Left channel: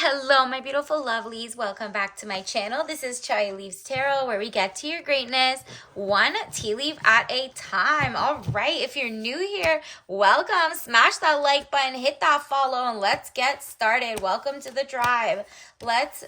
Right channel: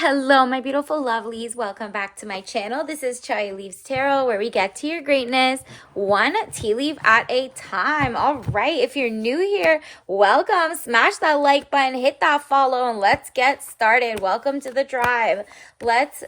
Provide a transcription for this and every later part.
Hello, my beautiful lovelies. Welcome back to my channel. This is Chai Leaves Tarot, where we get to your greatness one tea leaf at a time. All right, if you're new here, welcome. Smash that like button, hit that follow, and let's get started. Welcome to the tribe. Let's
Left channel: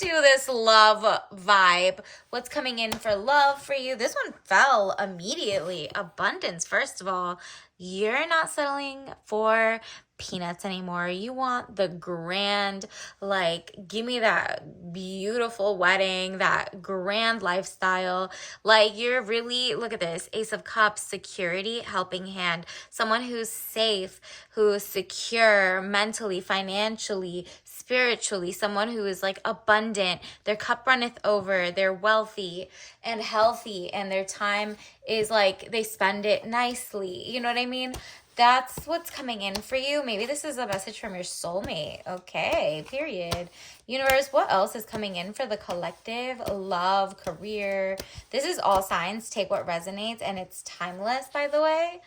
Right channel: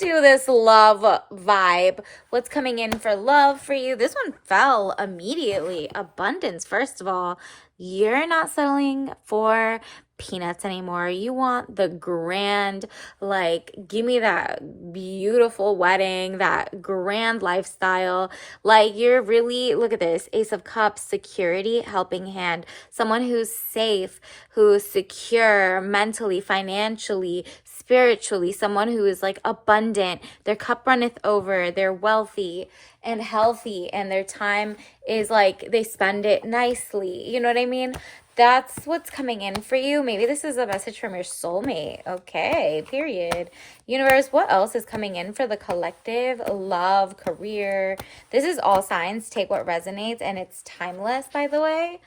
do this love vibe. What's coming in for love for you? This one fell immediately. Abundance, first of all. You're not settling for peanuts anymore. You want the grand, like, give me that beautiful wedding, that grand lifestyle. Like, you're really, look at this, Ace of Cups, security, helping hand. Someone who's safe, who's secure mentally, financially, spiritually. Someone who is like abundant. Their cup runneth over. They're wealthy and healthy, and their time is like they spend it nicely. You know what I mean? That's what's coming in for you. Maybe this is a message from your soulmate. Okay, period. Universe, what else is coming in for the collective? Love, career. This is all signs. Take what resonates, and it's timeless, by the way.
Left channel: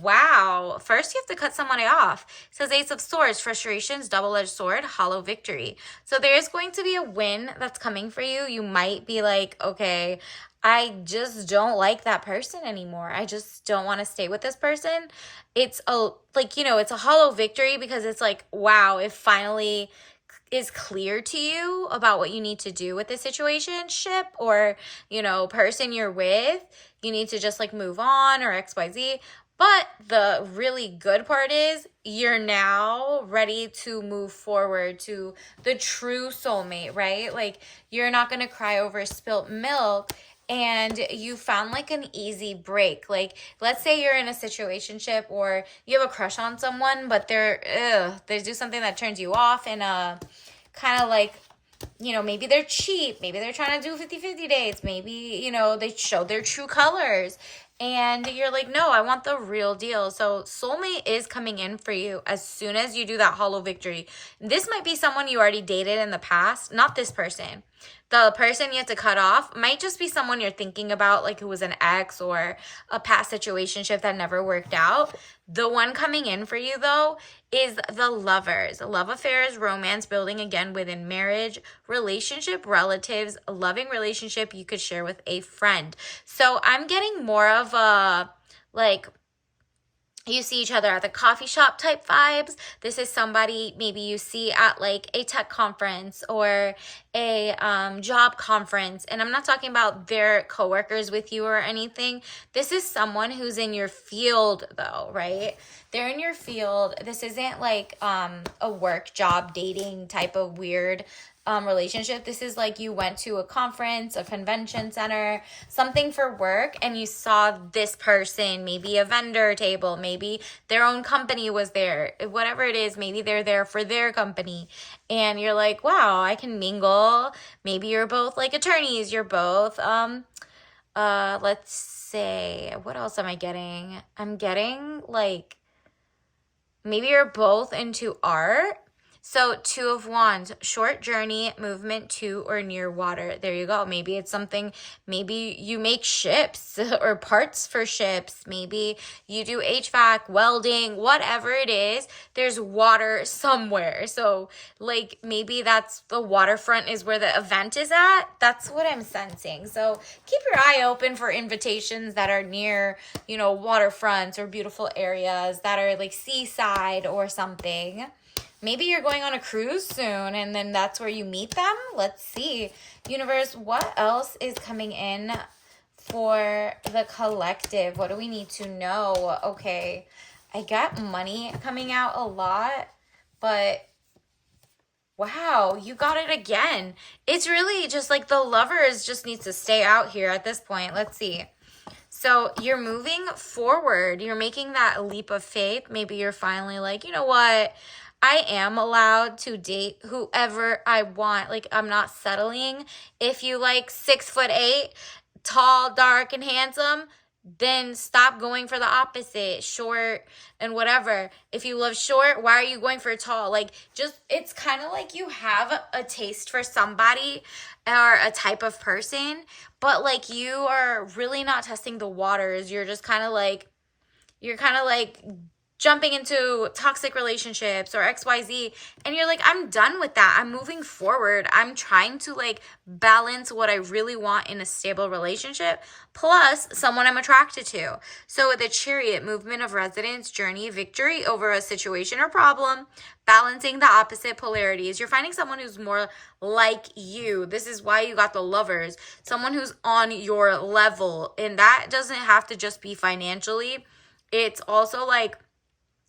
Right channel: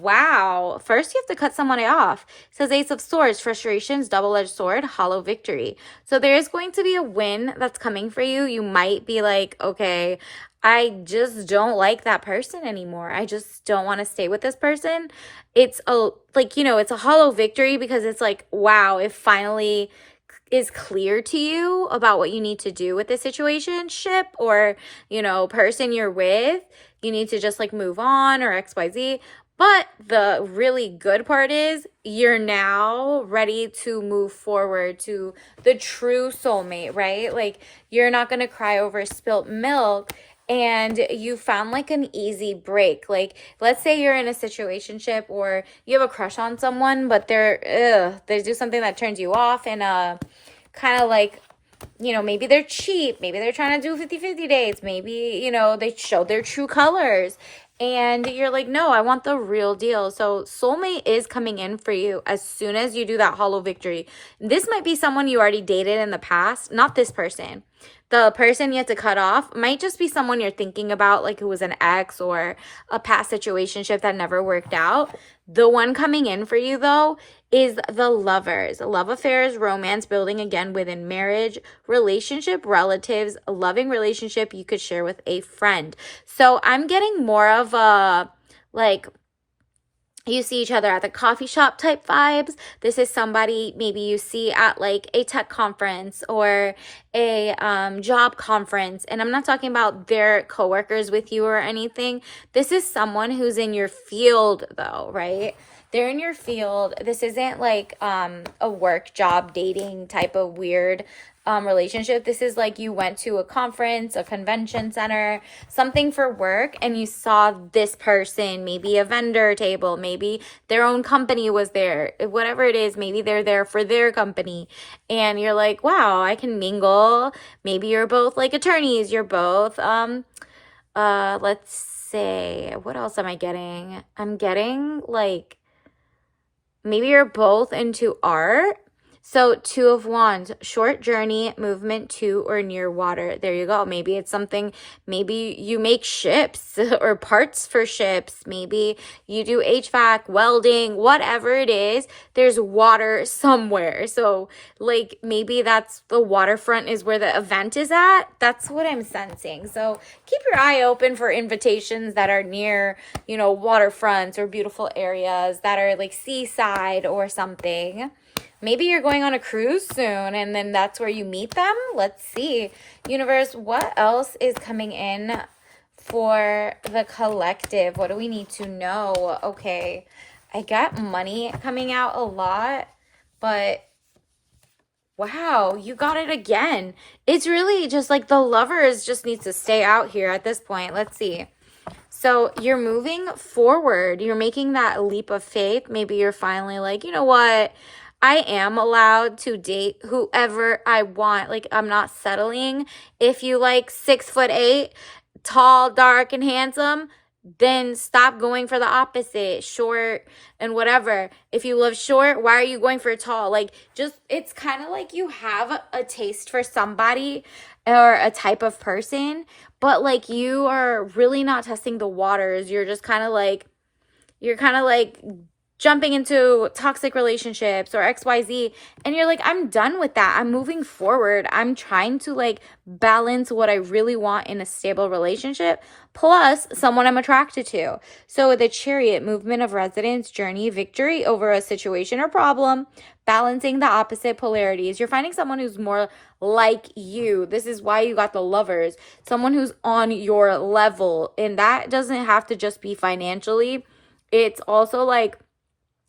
Wow. First, you have to cut someone off. It says Ace of Swords, frustrations, double-edged sword, hollow victory. So there is going to be a win that's coming for you. You might be like, okay, I just don't like that person anymore. I just don't want to stay with this person. It's it's a hollow victory because it's like, wow, it finally is clear to you about what you need to do with the situationship or, person you're with. You need to just like move on or XYZ. But the really good part is you're now ready to move forward to the true soulmate, right? Like, you're not going to cry over spilt milk, and you found like an easy break. Like, let's say you're in a situationship or you have a crush on someone, but they do something that turns you off, and kind of like, maybe they're cheap, maybe they're trying to do 50-50 dates, maybe, they show their true colors, and you're like, no, I want the real deal. So soulmate is coming in for you as soon as you do that hollow victory. This might be someone you already dated in the past, not this person. The person you have to cut off might just be someone you're thinking about, like who was an ex or a past situationship that never worked out. The one coming in for you, though, is the Lovers. Love affairs, romance building again within marriage, relationship, relatives, a loving relationship you could share with a friend. So I'm getting more of a, like, you see each other at the coffee shop type vibes. This is somebody maybe you see at like a tech conference or a job conference. And I'm not talking about their coworkers with you or anything. This is someone who's in your field though, right? They're in your field. This isn't like a work job dating type of weird relationship. This is like you went to a conference, a convention center, something for work, and you saw this person, maybe a vendor table, maybe their own company was there, whatever it is, maybe they're there for their company, and you're like, wow, I can mingle. Maybe you're both like attorneys, you're both let's say, what else am I getting? I'm getting like maybe you're both into art. So Two of Wands, short journey, movement to or near water. There you go. Maybe it's something, maybe you make ships or parts for ships. Maybe you do HVAC, welding, whatever it is, there's water somewhere. So like maybe that's the waterfront is where the event is at. That's what I'm sensing. So keep your eye open for invitations that are near, waterfronts or beautiful areas that are like seaside or something. Maybe you're going on a cruise soon and then that's where you meet them. Let's see. Universe, what else is coming in for the collective? What do we need to know? Okay, I got money coming out a lot, but wow, you got it again. It's really just like the Lovers just needs to stay out here at this point. Let's see. So you're moving forward. You're making that leap of faith. Maybe you're finally like, you know what? I am allowed to date whoever I want. Like, I'm not settling. If you like 6'8", tall, dark, and handsome, then stop going for the opposite, short and whatever. If you live short, why are you going for tall? Like, just, it's kind of like you have a taste for somebody or a type of person, but like you are really not testing the waters. You're just kind of like, you're kind of like jumping into toxic relationships or XYZ, and you're like, I'm done with that. I'm moving forward. I'm trying to like balance what I really want in a stable relationship plus someone I'm attracted to. So with the Chariot, movement of resonance, journey, victory over a situation or problem, balancing the opposite polarities. You're finding someone who's more like you. This is why you got the Lovers. Someone who's on your level. And that doesn't have to just be financially. It's also like,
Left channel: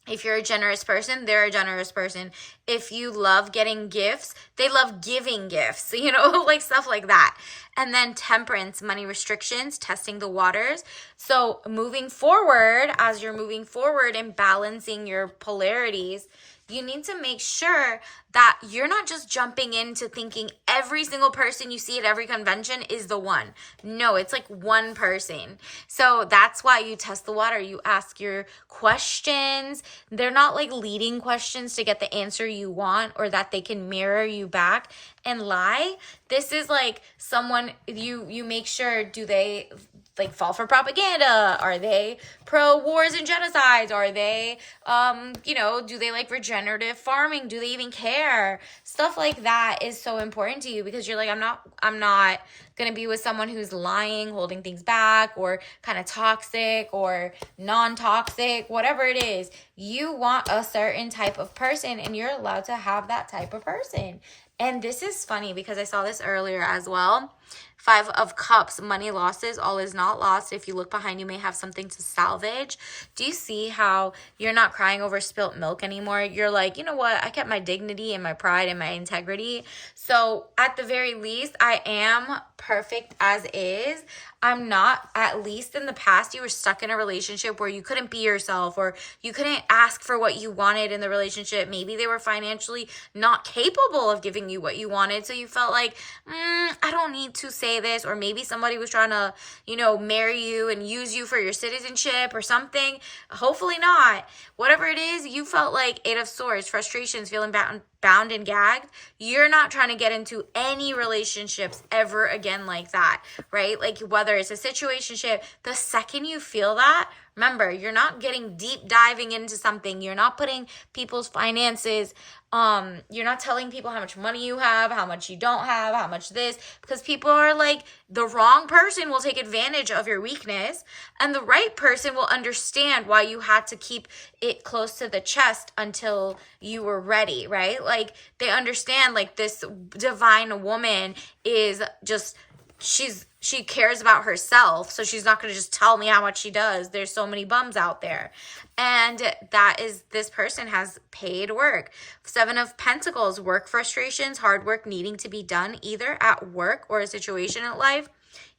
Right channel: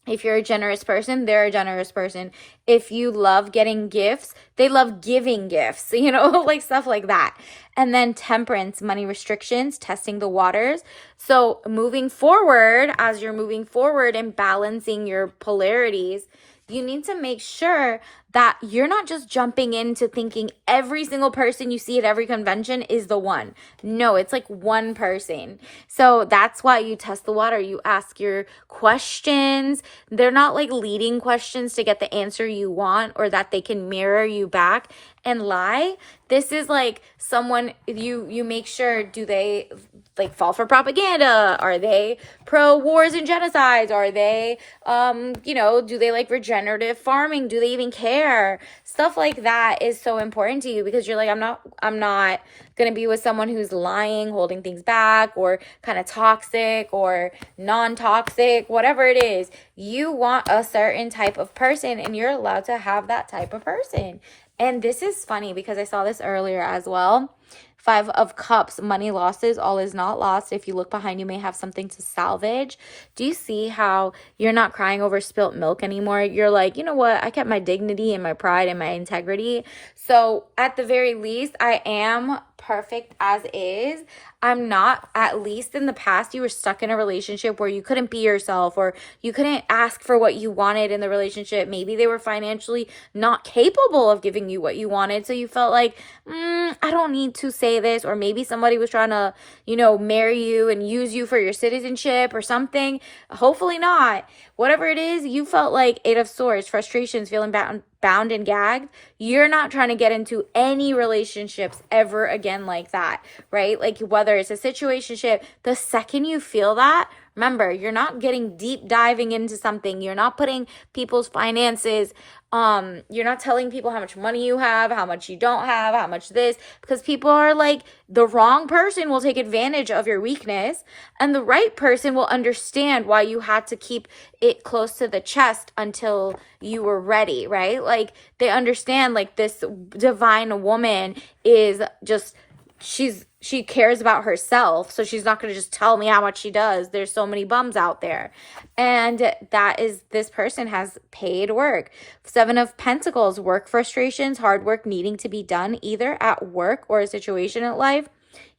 if you're a generous person, they're a generous person. If you love getting gifts, they love giving gifts, you know, like stuff like that. And then temperance, money restrictions, testing the waters. So moving forward, as you're moving forward and balancing your polarities, you need to make sure that you're not just jumping into thinking every single person you see at every convention is the one. No, it's like one person. So that's why you test the water. You ask your questions. They're not like leading questions to get the answer you want or that they can mirror you back and lie. This is like someone, you make sure, do they like fall for propaganda? Are they pro wars and genocides? Are they, do they like regenerative farming? Do they even care? Stuff like that is so important to you because you're like, I'm not going to be with someone who's lying, holding things back, or kind of toxic or non-toxic, whatever it is. You want a certain type of person and you're allowed to have that type of person. And this is funny because I saw this earlier as well. 5 of Cups, money losses, all is not lost. If you look behind, you may have something to salvage. Do you see how you're not crying over spilt milk anymore? You're like, you know what? I kept my dignity and my pride and my integrity. So at the very least, I am perfect as is. I'm not. At least in the past, you were stuck in a relationship where you couldn't be yourself or you couldn't ask for what you wanted in the relationship. Maybe they were financially not capable of giving you what you wanted. So you felt like, I don't need to say this. Or maybe somebody was trying to, marry you and use you for your citizenship or something. Hopefully not. Whatever it is, you felt like 8 of Swords, frustrations, feeling bound and gagged. You're not trying to get into any relationships ever again like that, right? Like whether it's a situationship, the second you feel that, remember, you're not getting deep diving into something. You're not putting people's finances, you're not telling people how much money you have, how much you don't have, how much this, because people are like, the wrong person will take advantage of your weakness and the right person will understand why you had to keep it close to the chest until you were ready, right? Like they understand like this divine woman is just, she cares about herself, so she's not going to just tell me how much she does. There's so many bums out there. And that is, this person has paid work. 7 of Pentacles, work frustrations, hard work needing to be done either at work or a situation in life.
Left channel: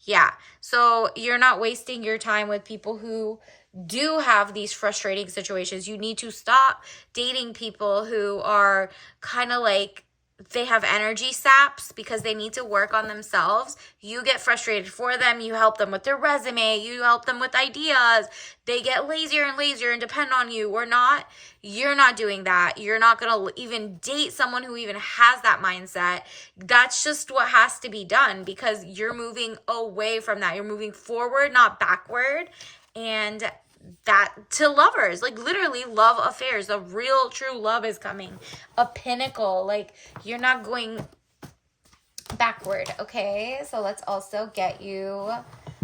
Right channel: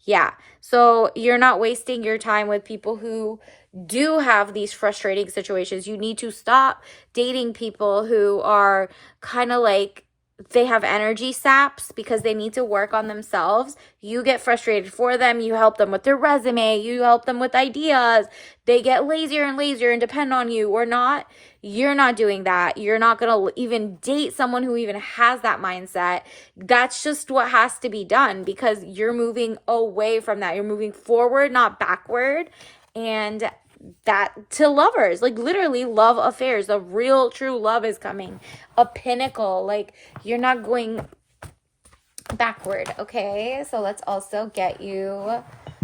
Yeah. So you're not wasting your time with people who do have these frustrating situations. You need to stop dating people who are kind of like, they have energy saps because they need to work on themselves. You get frustrated for them. You help them with their resume. You help them with ideas. They get lazier and lazier and depend on you or not. You're not doing that. You're not going to even date someone who even has that mindset. That's just what has to be done because you're moving away from that. You're moving forward, not backward. And that to Lovers, like literally love affairs, the real true love is coming, a pinnacle, like you're not going backward. Okay, so let's also get you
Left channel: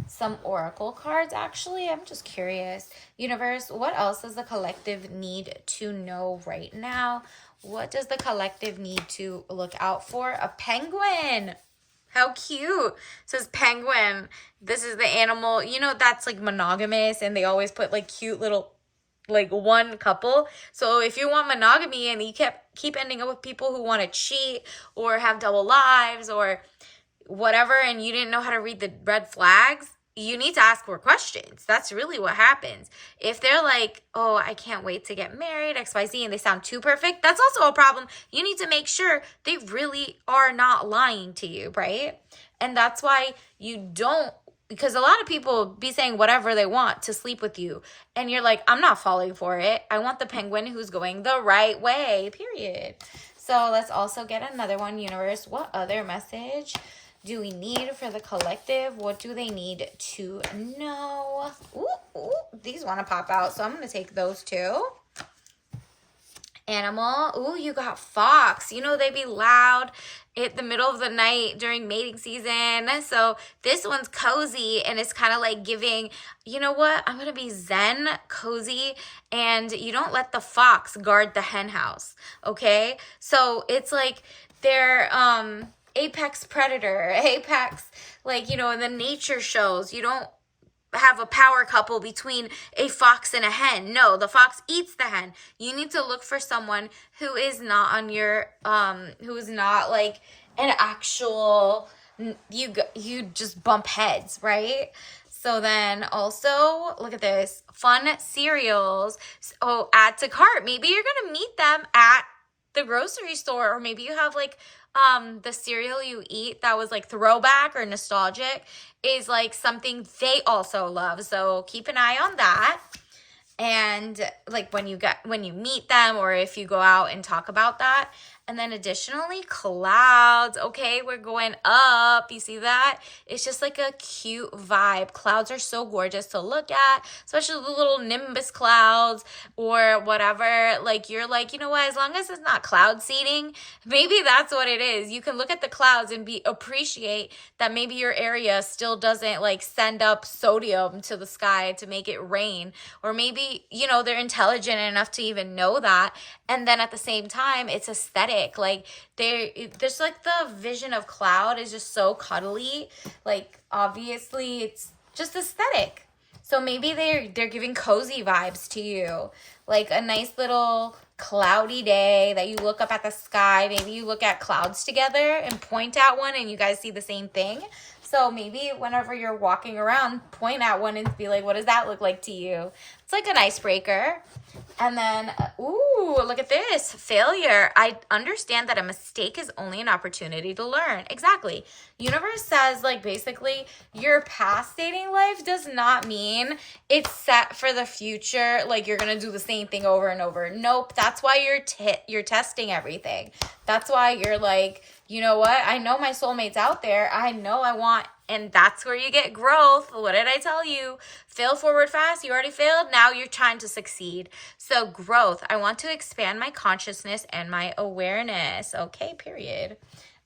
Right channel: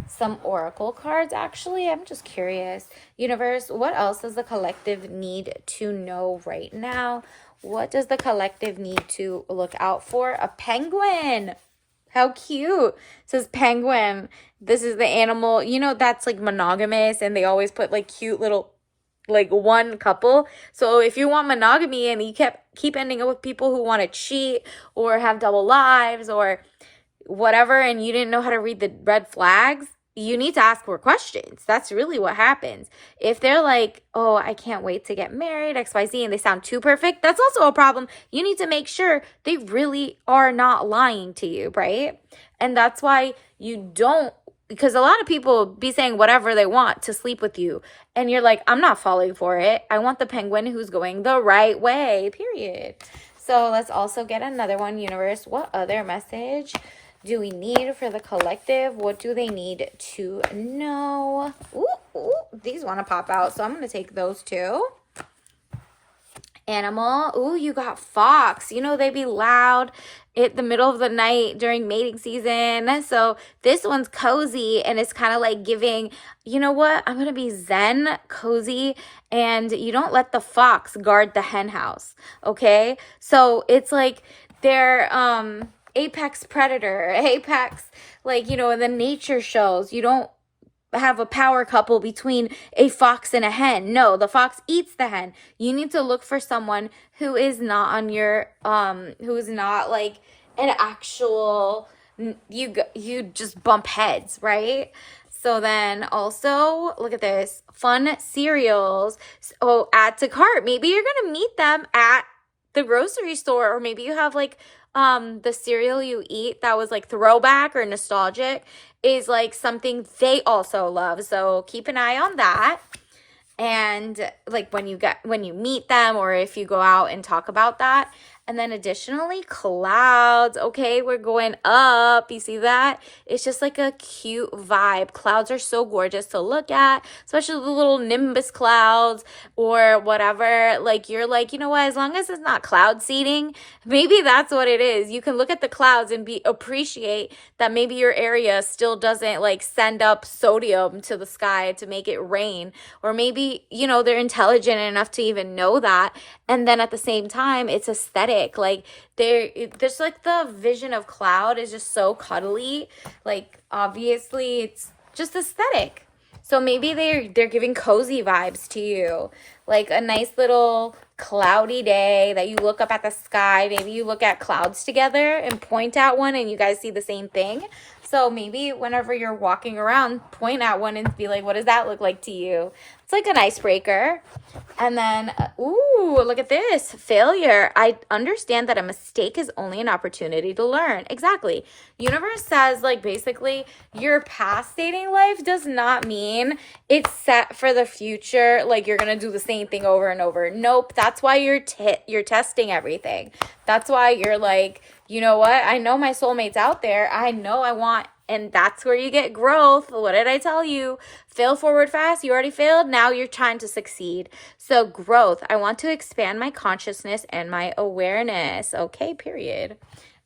some oracle cards. Actually, I'm just curious, universe, what else does the collective need to know right now? What does the collective need to look out for? A penguin. How cute. It says penguin. This is the animal, that's like monogamous and they always put like cute little, like one couple. So if you want monogamy and you keep ending up with people who want to cheat or have double lives or whatever, and you didn't know how to read the red flags, you need to ask more questions. That's really what happens. If they're like, oh, I can't wait to get married, XYZ, and they sound too perfect, that's also a problem. You need to make sure they really are not lying to you, right? And that's why you don't, because a lot of people be saying whatever they want to sleep with you. And you're like, I'm not falling for it. I want the penguin who's going the right way, period. So let's also get another one, universe. What other message do we need for the collective? What do they need to know? Ooh, these want to pop out, so I'm going to take those too. Animal. Ooh, you got fox. You know, they be loud at the middle of the night during mating season. So this one's cozy, and it's kind of like giving, you know what? I'm going to be zen, cozy, and you don't let the fox guard the hen house. Okay. So it's like they're, apex predator, apex, like, you know, in the nature shows, you don't have a power couple between a fox and a hen. No, the fox eats the hen. You need to look for someone who is not on your who is not like an actual, you just bump heads, right? So then also, look at this. Fun cereals. Oh, add to cart. Maybe you're going to meet them at the grocery store, or maybe you have like the cereal you eat that was like throwback or nostalgic is like something they also love. So keep an eye on that. And like when you meet them, or if you go out and talk about that. And then additionally, clouds. Okay, we're going up. You see that? It's just like a cute vibe. Clouds are so gorgeous to look at, especially the little nimbus clouds or whatever. Like you're like, you know what? As long as it's not cloud seeding, maybe that's what it is. You can look at the clouds and appreciate that maybe your area still doesn't like send up sodium to the sky to make it rain, or maybe, you know, they're intelligent enough to even know that. And then at the same time, it's aesthetic. Like there's like the vision of cloud is just so cuddly. Like obviously it's just aesthetic. So maybe they're giving cozy vibes to you. Like a nice little cloudy day that you look up at the sky. Maybe you look at clouds together and point at one and you guys see the same thing. So maybe whenever you're walking around, point at one and be like, what does that look like to you? It's like an icebreaker. And then, ooh, look at this. Failure. I understand that a mistake is only an opportunity to learn. Exactly. Universe says, like, basically, your past dating life does not mean it's set for the future. Like, you're going to do the same thing over and over. Nope. That's why you're testing everything. That's why you're like, you know what? I know my soulmate's out there. I know I want, and that's where you get growth. What did I tell you? Fail forward fast. You already failed. Now you're trying to succeed. So growth. I want to expand my consciousness and my awareness. Okay, period.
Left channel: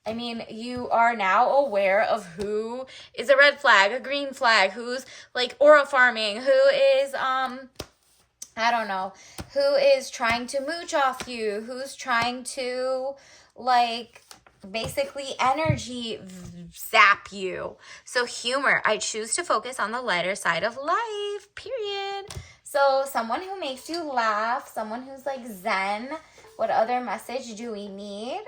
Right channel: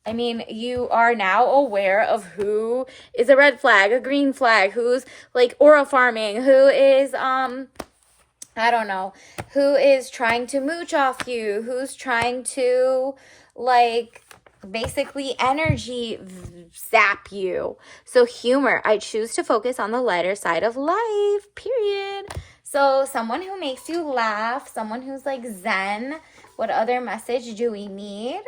I mean, you are now aware of who is a red flag, a green flag, who's like aura farming, who is, I don't know, who is trying to mooch off you, who's trying to like basically energy zap you. So humor, I choose to focus on the lighter side of life, period. So someone who makes you laugh, someone who's like zen. What other message do we need?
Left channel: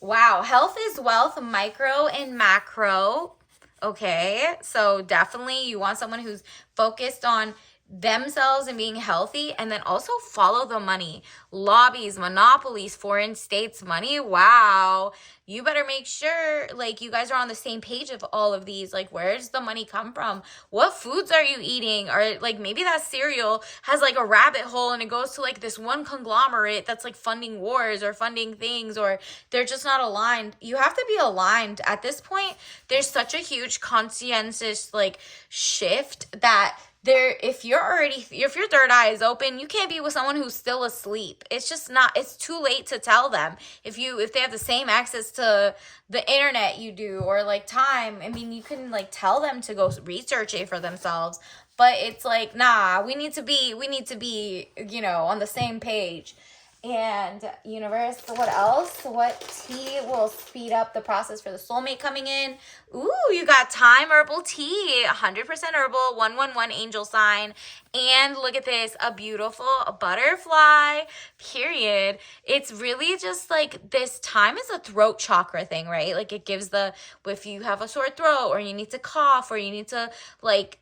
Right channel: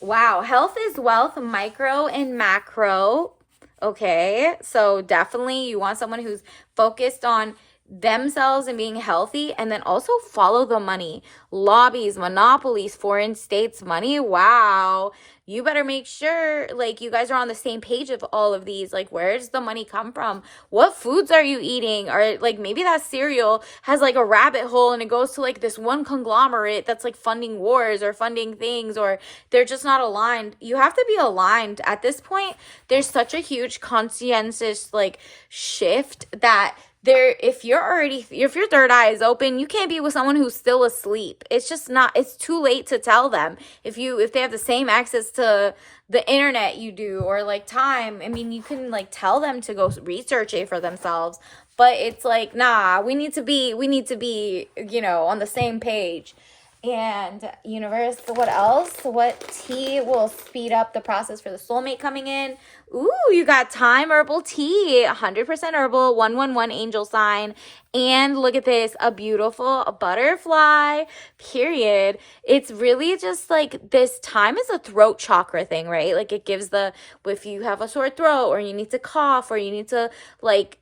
Wow, health is wealth, micro and macro. Okay, so definitely you want someone who's focused on themselves and being healthy, and then also follow the money. Lobbies, monopolies, foreign states money. Wow, you better make sure like you guys are on the same page of all of these. Like, where does the money come from? What foods are you eating? Or like maybe that cereal has like a rabbit hole and it goes to like this one conglomerate that's like funding wars or funding things, or they're just not aligned. You have to be aligned at this point. There's such a huge conscientious like shift that if your third eye is open, you can't be with someone who's still asleep. It's just not, it's too late to tell them. If they have the same access to the internet you do, or like time, I mean, you can like tell them to go research it for themselves, but it's like, nah, we need to be, you know, on the same page. And universe, what else? What tea will speed up the process for the soulmate coming in? Ooh, you got Time Herbal Tea, 100% herbal, 111 angel sign. And look at this, a beautiful butterfly, period. It's really just like this. Time is a throat chakra thing, right? Like it gives if you have a sore throat, or you need to cough, or you need to like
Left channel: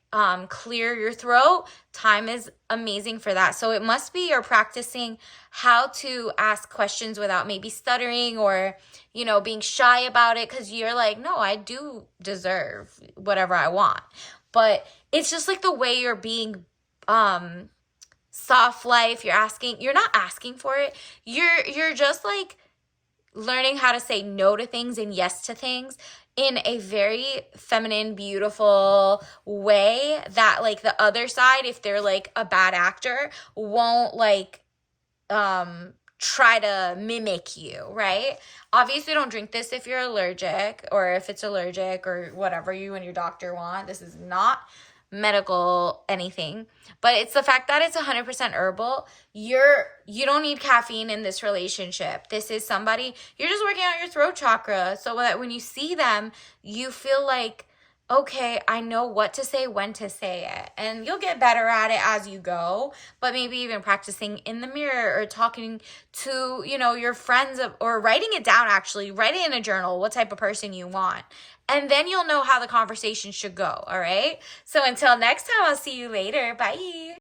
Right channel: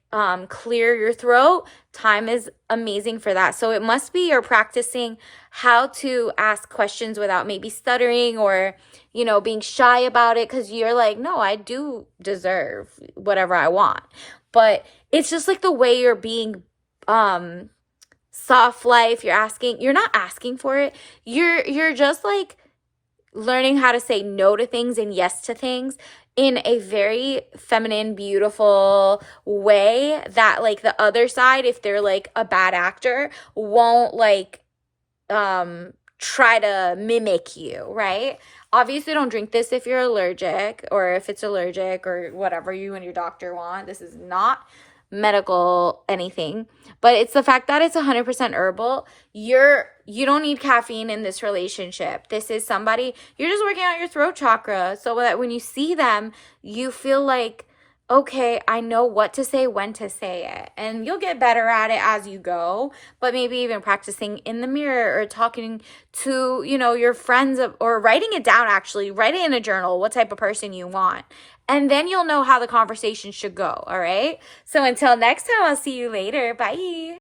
clear your throat, time is amazing for that. So it must be you're practicing how to ask questions without maybe stuttering, or, you know, being shy about it, because you're like, no, I do deserve whatever I want. But it's just like the way you're being soft life. You're not asking for it. You're just like learning how to say no to things and yes to things in a very feminine, beautiful way that like the other side, if they're like a bad actor, won't like try to mimic you, right? Obviously, don't drink this if you're allergic or if it's allergic or whatever you and your doctor want. This is not medical anything, but it's the fact that it's 100% herbal. You don't need caffeine in this relationship. This is somebody, you're just working out your throat chakra so that when you see them, you feel like, okay, I know what to say, when to say it. And you'll get better at it as you go, but maybe even practicing in the mirror or talking to, your friends or writing it down, actually, write it in a journal, what type of person you want. And then you'll know how the conversation should go, all right? So until next time, I'll see you later. Bye.